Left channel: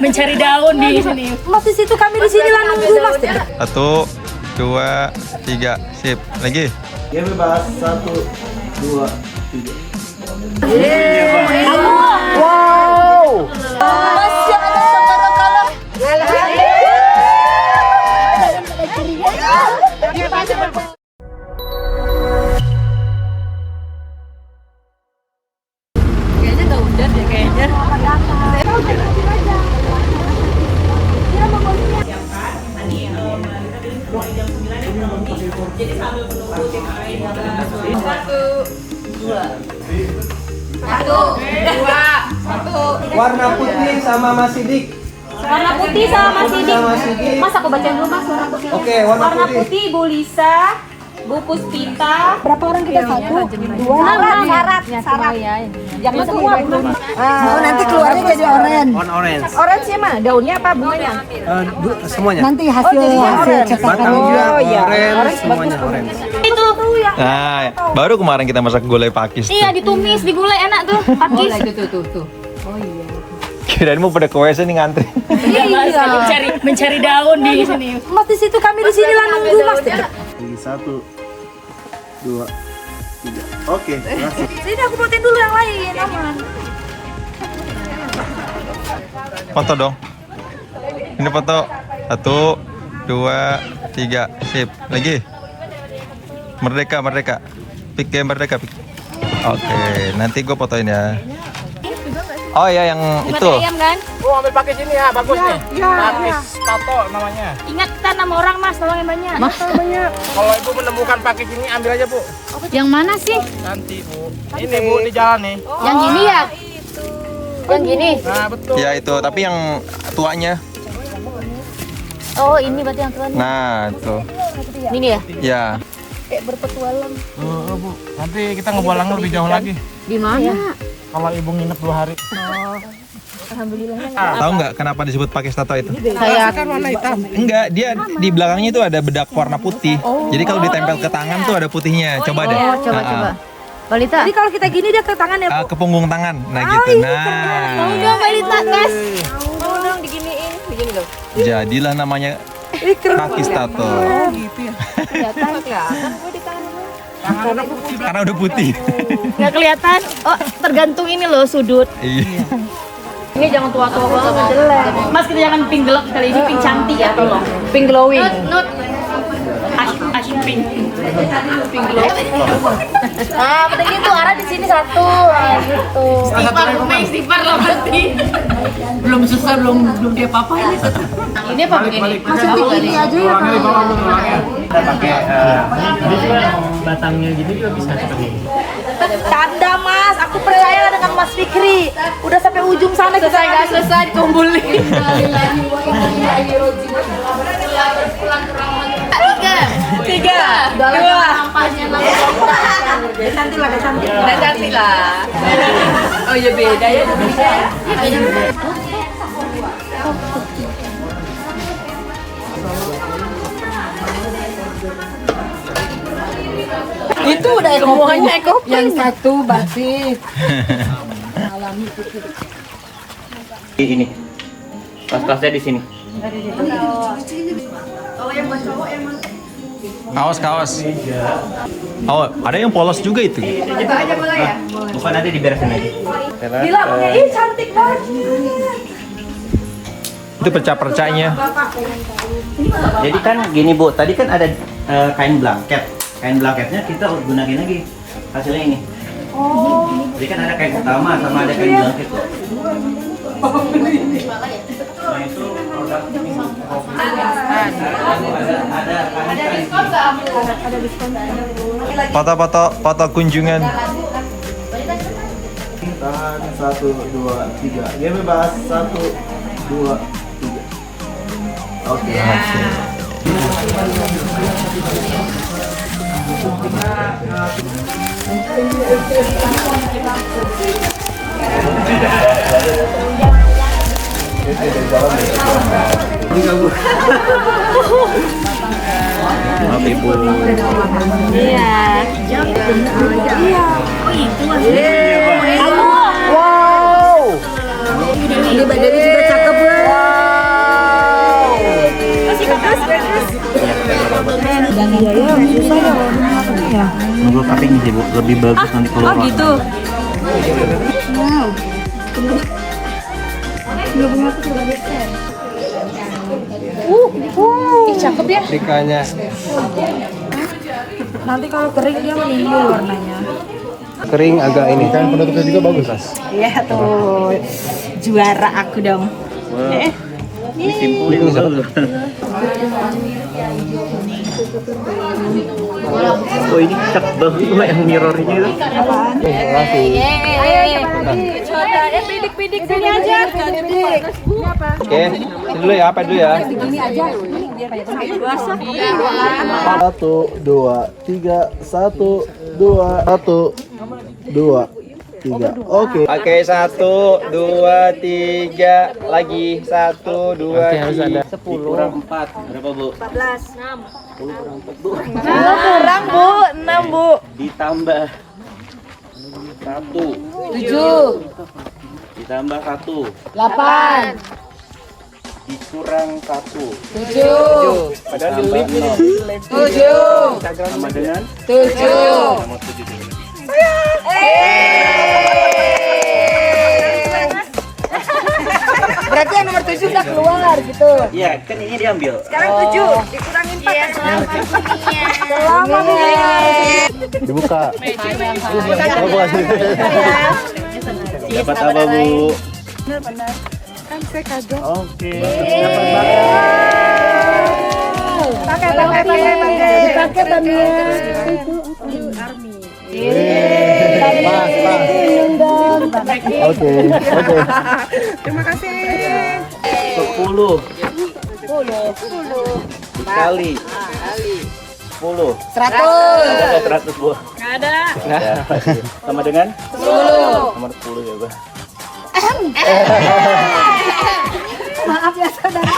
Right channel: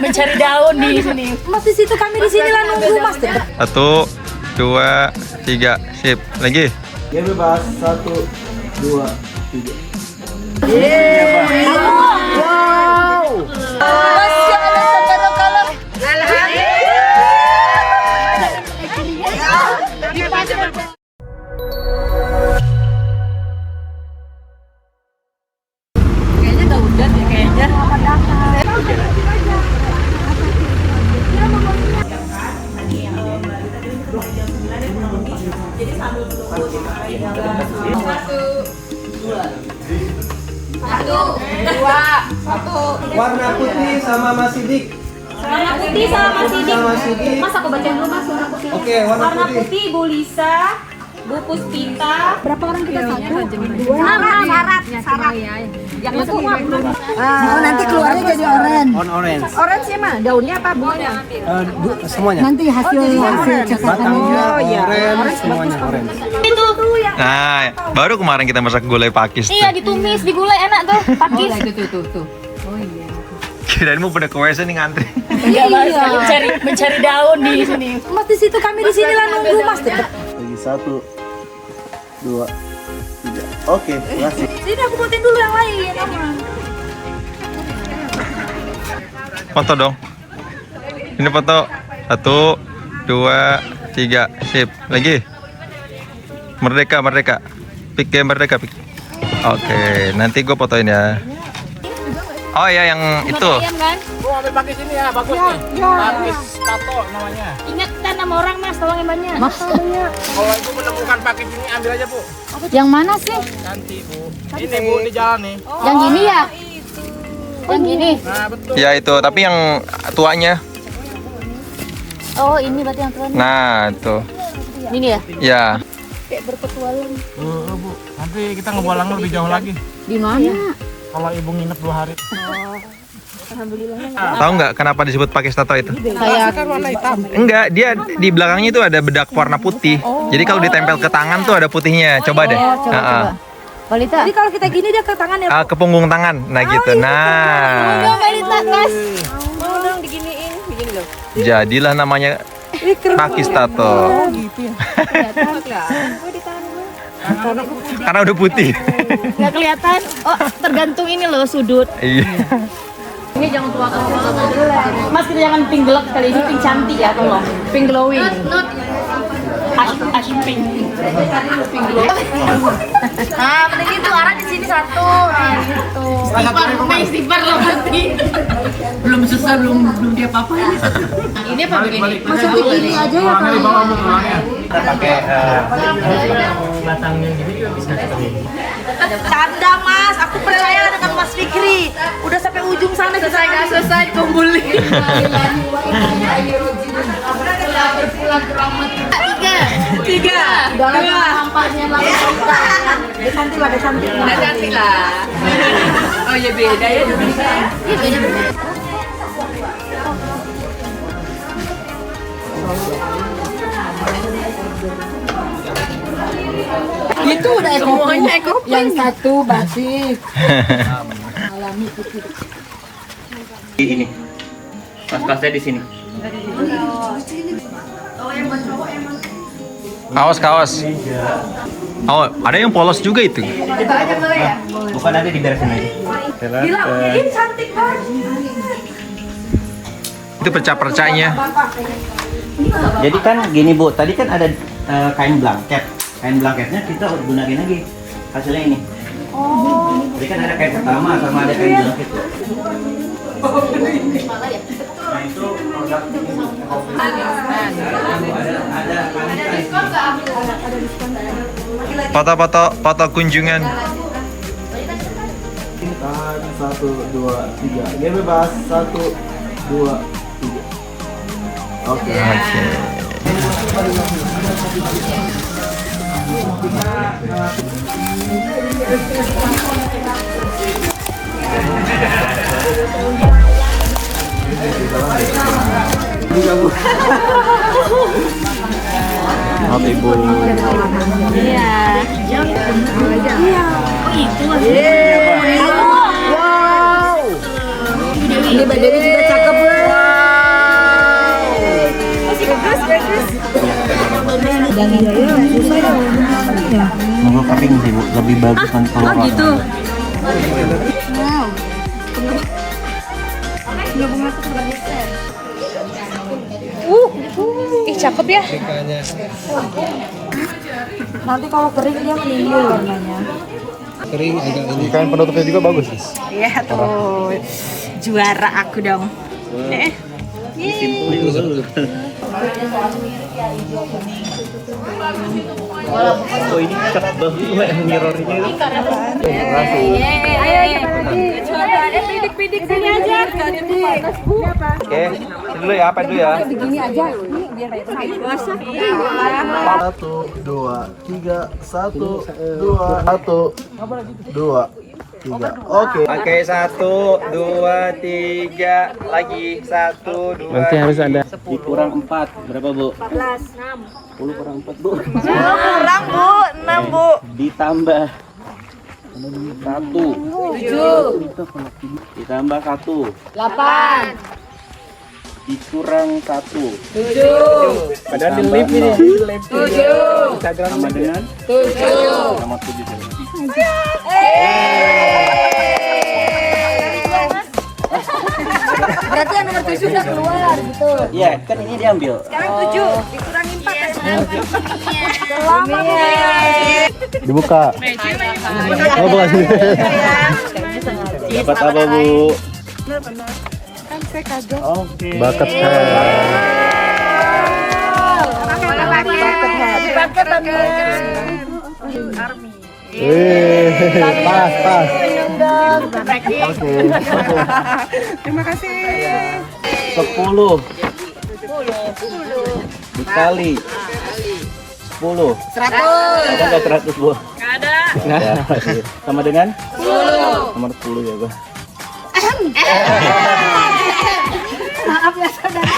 mencari daun di sini. Mas di situ, kami di sini lah nunggu Mas. 1, 2, 3, sip. Lagi. Ya bebas. 1, 2, 3. Kayaknya udah deh kayaknya. Warna putih sama Mas Sidik. Warna putih sama Mas Sidik. Sama Sidik. Mas aku bacain dulu Mas warna putih. Oke, warna putih. Putih Bu Lisa, Bu Puspita. Berapa orang kita? 1, 2. Syarat. Yang itu Oh, nanti keluarnya jadi orange. Orange. orange ya mah? Daunnya apa bunganya? Semuanya. Nanti hasil cetakannya. Batangnya orange, semuanya orange. Itu Nah, baru kemarin kita masak gulai pakis iya tuh. ditumis di gulai enak tuh. Pakis. Tuh. Kirain mau pada ke WC nih ngantri. Mencari daun di sini. Mas di situ, kami di sini lah nunggu Mas. Lagi 1, 2, 3. Oke, langsung. Sini aku buatin dulu yang lain, aman. Foto dong. Ini foto. 1, 2, 3, sip. Lagi. Merdeka. Pik ya merdeka. Pik. Oke, nanti gue fotoin ya. Oh ya yang itu. Ayam kan? Ambil pakai sini ya, bagus nih. Pakis tato namanya. Ingat kita 6 orang Mas, tolong yang banyak. Kalau ibu menemukan pakis ini ambil aja bu. Yang mana sih? Nanti bu. Ini bu di jalan nih. Yang gini ya? Yang gini? Nah betul. Ya itu, tapi yang tuanya. Oh ini berarti yang tuanya. Nah, itu. Ini ya? Ya. Kayak berpetualang. Bu. Nanti kita ngebalang lebih jauh lagi. Di mana? Kalau ibu nginep 2 hari. Tahu nggak kenapa disebut pakis tato itu? Kayak Kan warna hitam. Enggak, dia di belakangnya itu ada bedak warna putih. Jadi kalau ditempel ke tangan tuh ada putihnya. Coba deh. coba. Balita. Jadi kalau kita gini dia ke tangan ya? Ke punggung tangan. Nah gitu. Nah. Enggak Balita, Mas. Mau dong diginiin, begini loh. Jadilah namanya pakis tato. Kelihatan gue di tangan gue. Karena udah putih. Nggak kelihatan. Oh, tergantung ini loh sudut. Iya. Ini jangan tua-tua banget jelek. Mas kita jangan pink gelap kali ini, pink cantik ya tolong. Pink glowing. Ash pink. Pink glowing. Nah, penting itu arah di sini satu. Gitu. Istighfar loh nanti. Belum selesai, belum dia apa-apa ini. Ini apa begini? Masukin ini aja ya. Tulangnya di bawah bu, tulangnya. Tanda Mas, aku percaya dengan Mas Fikri. Udah sampai ujung sana kita nggak selesai kumpulin. Tiga. Dua. Nampaknya cantik lah. Oh iya beda ya. Itu udah ekopin. Yang satu batik. Alami putih. Ini. Kelas-kelasnya di sini. Kaos. Oh, ada yang polos juga itu. Itu aja boleh ya? Bukan nanti diberesin aja. Gila, ini cantik banget. Itu perca-percanya. Jadi kan gini Bu, tadi kan ada kain blanket. Kain blanketnya kita gunain lagi hasilnya ini. Oh. Jadi kan ada kain utama sama ada kain blanket. Nah itu produk Foto kunjungan. Tahan 1, 2, 3. Ya bebas. 1, 2, 3. Oke. Oke Bu. Iya. Oh itu Ini badannya juga cakep lah. Nunggu kering sih Bu, lebih bagus nanti kalau Oh gitu. Cakep ya. Nanti kalau kering dia meninggi warnanya. Kering agak ini kan penutupnya juga bagus Mas. Iya tuh. Juara aku dong. simpulin dulu. Oh ini cakep banget yang mirrornya itu. Ayo coba lagi. Pidik-pidik sini aja. Oke, dulu ya, apa dulu ya? Begini aja. Ini biar basah. 1, 2, 3, 1, 2, 2, 3. Oke. Oke, 1, 2, 3, lagi 1, 2. Nanti harus ada. Dikurang 4 berapa Bu? 14. 10 kurang 4 Bu. 6 Bu. Ditambah 1. 7. Ditambah 1. 8. Dikurang 1. 7. Ada di lip ini. 7. Sama dengan 7. sama 7 juga. Berarti yang nomor 7 udah keluar gitu. Iya, kan ini diambil. Sekarang 7. Dikurangin 4. Dibuka. Dapat apa Bu? Kan saya kaget. Oke. Bakat. Pas. Oke. Terima kasih. 10 dikali 10 ada 100 Bu. Nggak ada. Sama dengan 10 nomor 10 ya Bu. Maaf ya saudara.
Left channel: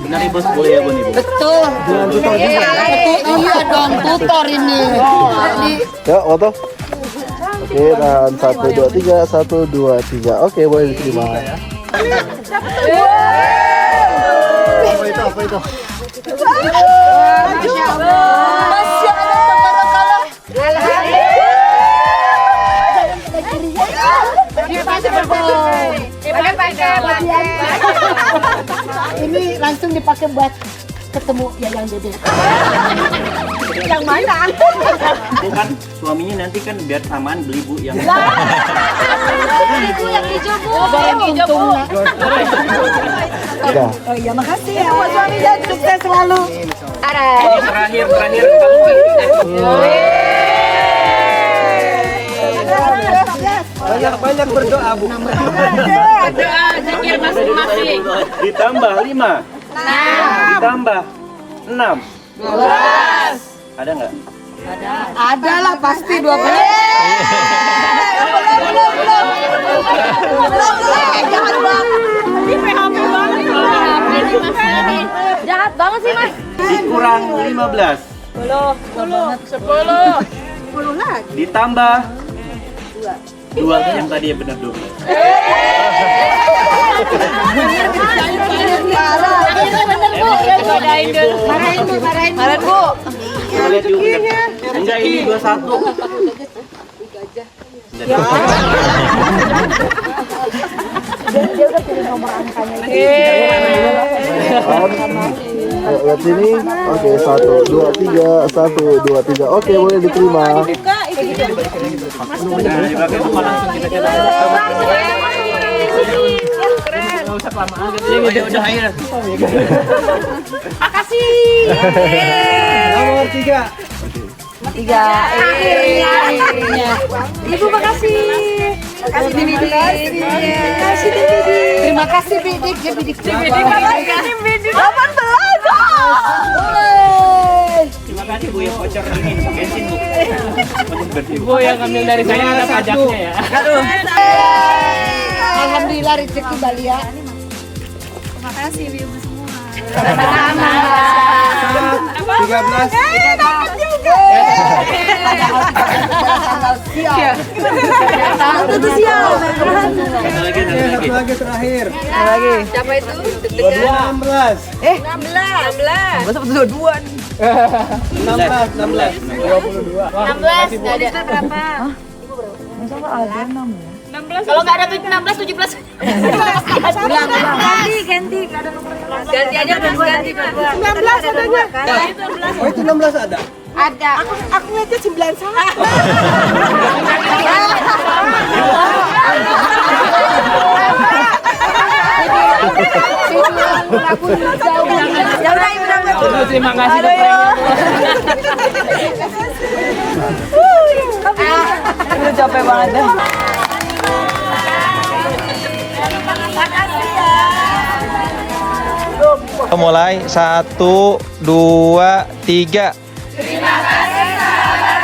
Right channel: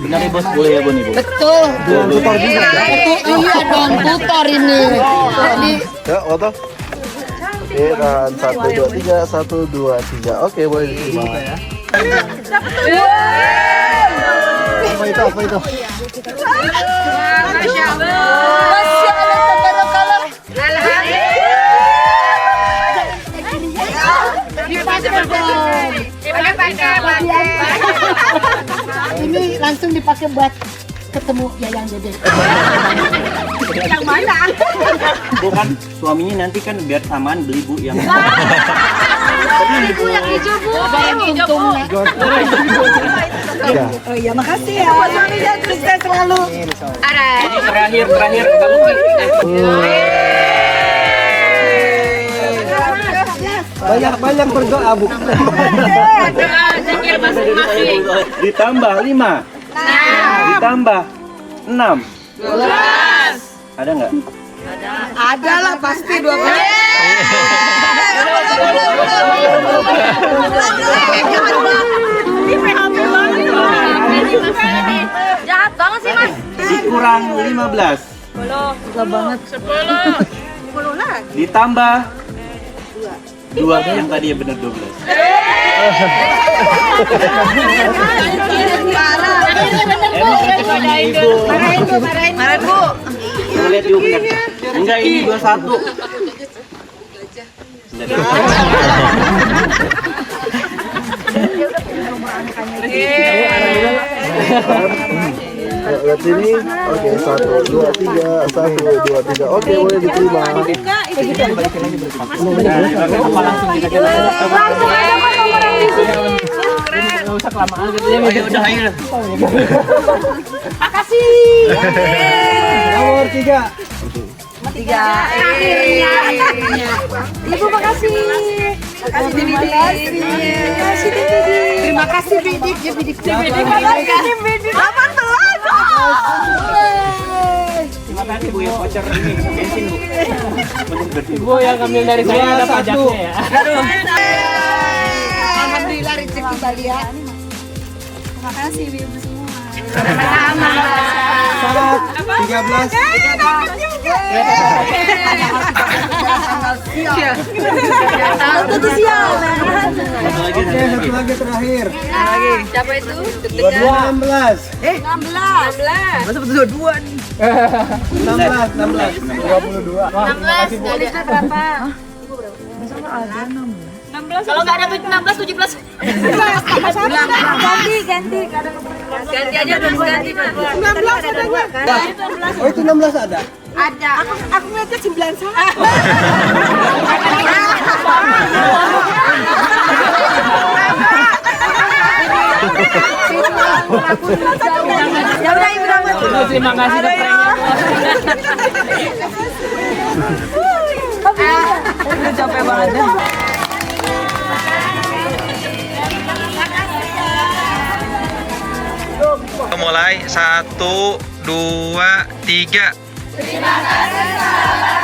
Benar Bos, boleh ya Bu nih Bu. Betul. Tutor juga. Betul, iya dong, tutor ini. Ya, foto. Oke, dan 1, 2, 3, 1, 2, 3. Oke, boleh diterima. Ya. Apa itu? Masya Allah. Ini langsung dipakai buat ketemu Yayang Dede. Yang mana? Bukan suaminya nanti kan biar samaan beli Bu yang Ibu yang hijau Bu. Yang untung nak. Oh iya, makasih ya. Suami dan sukses selalu. ini terakhir Banyak berdoa, Bu. ditambah 5 ditambah 6 ada nggak? Ada lah pasti 12. Jahat banget sih Mas. Dikurang 15 ditambah 2 yang tadi ya benar 12. Marahin Bu. Lihat dulu benar. Enggak, ini 21. Lihat sini. Oke, 1, 2, 3, 1, 2, 3. Oke, boleh diterima. Udah ayo. Nomor 3. Akhirnya. Ibu makasih. Terima kasih. Terima kasih Bidik. Terima kasih Bidik. Terima kasih Bu ya voucher ini bensin Bu. Bu yang ngambil dari saya ada pajaknya ya. Alhamdulillah rezeki kalian. Terima kasih Ibu semua. 13. Tentu siang. Satu lagi. lagi terakhir. Siapa itu? Deg-degan. 16. 16. Masa betul 2 nih. 16. 22. 16. Dari berapa? Kalau nggak ada 16, 17. Ganti. Ganti aja, ganti. 19 ada 2 kan? Oh itu 16 ada? Ada. Aku ngeliatnya 91. Ya udah, Bos, terima kasih udah pranknya, Bos. Udah capek banget dah. Mulai 1, 2, 3. Terima kasih sahabat.